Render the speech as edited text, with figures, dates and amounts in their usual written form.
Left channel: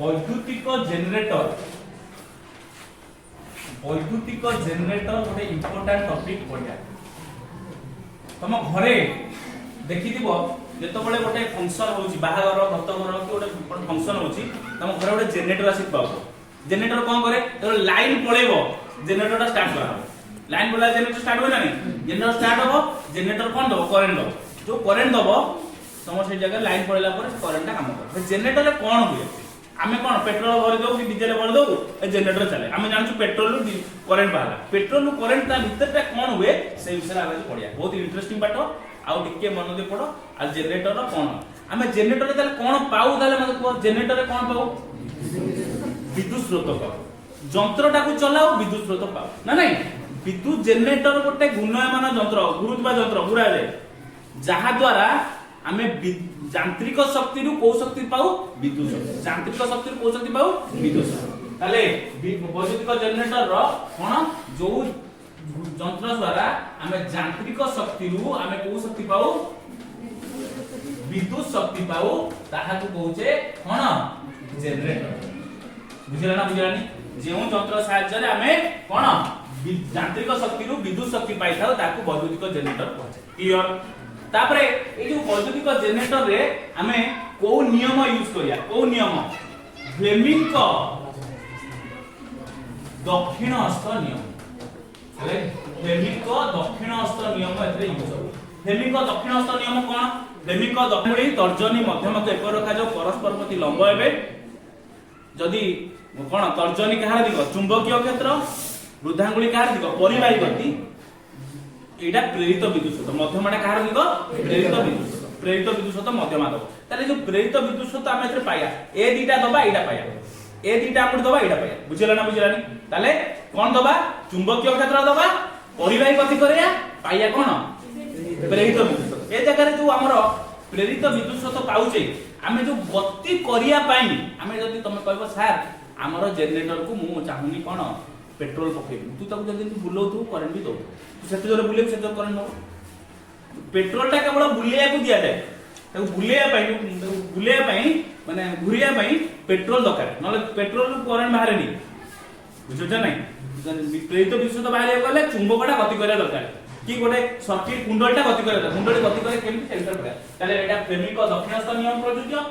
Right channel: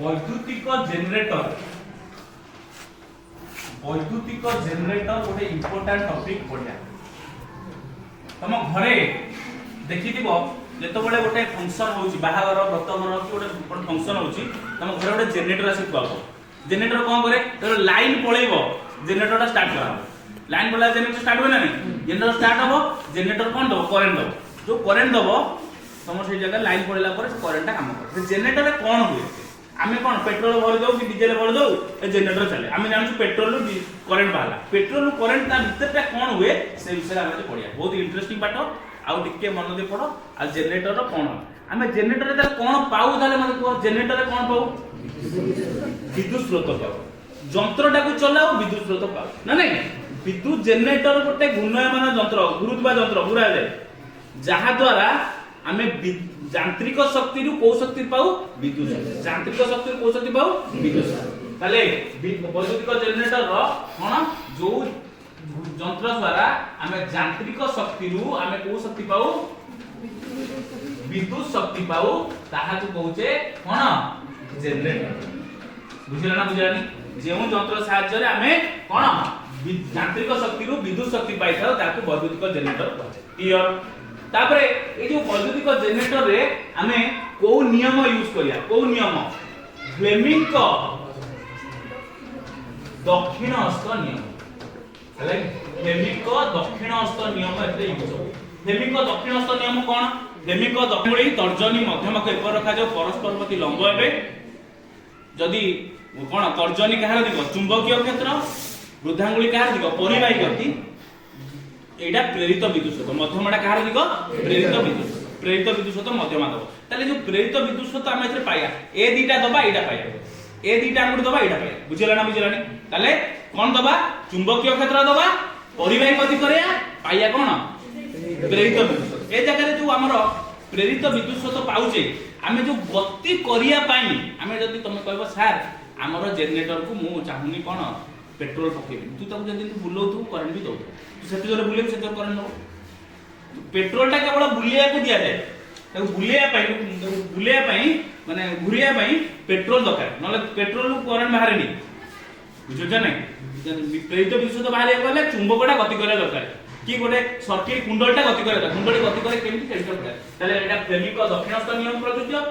वैद्युतिक generator गोटे important topic पढ़िया तुम घरे देखि जितेबाला गोटे फंक्शन होची बाहागर व्रतघर कि गोटे फंक्शन होची तुम घरे गोटे जेनरेटर आसी पाबो जेनरेटर कौन करे तो लाइन पळेबो जेनरेटर स्टार्ट करबो लाइन पळा जेनरेटर स्टार्ट हो ना नहीं जेनरेटर स्टार्ट हो जेनरेटर कौन दबो करंट दबो जो करंट दबो तुम से जगह लाइन पळेला पर करंट काम करे जेनरेटर कौन हुए आमे कौन पेट्रोल भर दो कि डीजल भर दो जेनरेटर चले आमे जानछु पेट्रोल रु करंट बाहला पेट्रोल रु करंट ता भीतर पे कौन हुए से विषय आमे पढिया बहुत इंटरेस्टिंग पाठ आउ टिके मन दे पड़ो आ जेनरेटर कौन आमे जेनरेटर रे कौन पाऊ ताले मते को जेनरेटर रे कौन पाऊ विद्युत स्रोत पाऊ यंत्रटा को चलाओ विद्युत स्रोत पाऊ ना नहीं विद्युत जेनरेटर गोटे घूर्णयमान यंत्र घुरुतबा यंत्र घुरा जाए जहा द्वारा आमे यांत्रिक शक्ति रु को शक्ति पाऊ विद्युत शक्ति यांत्रिक शक्ति रु को शक्ति पाऊ विद्युत शक्ति ताले वैद्युतिक जेनरेटर रो कोन जो यंत्र द्वारा आमे यांत्रिक शक्ति रु आमे को शक्ति पाऊ विद्युत शक्ति पाऊ ताहा को कहूचे कोन जेनरेटर बुझला ना बुझलानी जेउ यंत्र सहायता रे आमे कोन यांत्रिक शक्ति रु विद्युत शक्ति पाई थाउ ताको वैद्युतिक जेनरेटर कहूचे क्लियर तापरे ए जो वैद्युतिक जेनरेटर रे आमे को नियम यूज करिया को नियम फ्लेमिंग को दक्षिण हस्त नियम हेले फ्लेमिंग को दक्षिण हस्त नियम एते यूज हो फ्लेमिंग को दक्षिण हस्त नियम कोन फ्लेमिंग को दक्षिणी तर्जनी मध्यम को एक रखा जाओ परस्पर प्रति लंब हेबे जदी कोन तर्जनी कहार दिगो चुंबकीय क्षेत्र वृद्धांगुली कहार दिगो परिवाही गति एटा प्रेरित विद्युत स्रोत मध्यमटा कहार दिगो प्रेरित विद्युत स्रोत मध्यमा दबो ताले जो प्रेरित विद्युत स्रोत हम एथे पाया ए दीटा दबा एटा पाया ए दीटा हमु दबा एटा पाया बुझला ना बुझलानी ताले कोन दबा चुंबकीय क्षेत्र दबा परिवाही गति करया पाया कोन प्रेरित विद्युत स्रोत ए जगह रे जो हमर प्रेरित विद्युत स्रोत पाउचे आमे जो गति करिया पाई आमे जदी तुम कहबो सर हमर जेनरेटर को मु चाहुनी कोन पेट्रोल पके तू तब जदी तू बुलो तू करंट भी दो तू सेते जोर बुले सेते जोर करंट दो पेट्रोल टा केवल बुलिया को दिया जाए ताको बुलिया पई माने घुरिया पई पेट्रोल दरकार नले पेट्रोल को करंट बाहर नी बुझुछ नै प्रेरित विद्युत बाहर गले चुंबकटा गति करे दरकार कि गोटे सर्किट कुंडलटा गति करे कुंडली गति करे केमि सेंटर पड़ा ताले एटा फ्लेमिंग को दक्षिण हस्त नियम प्रयोज्य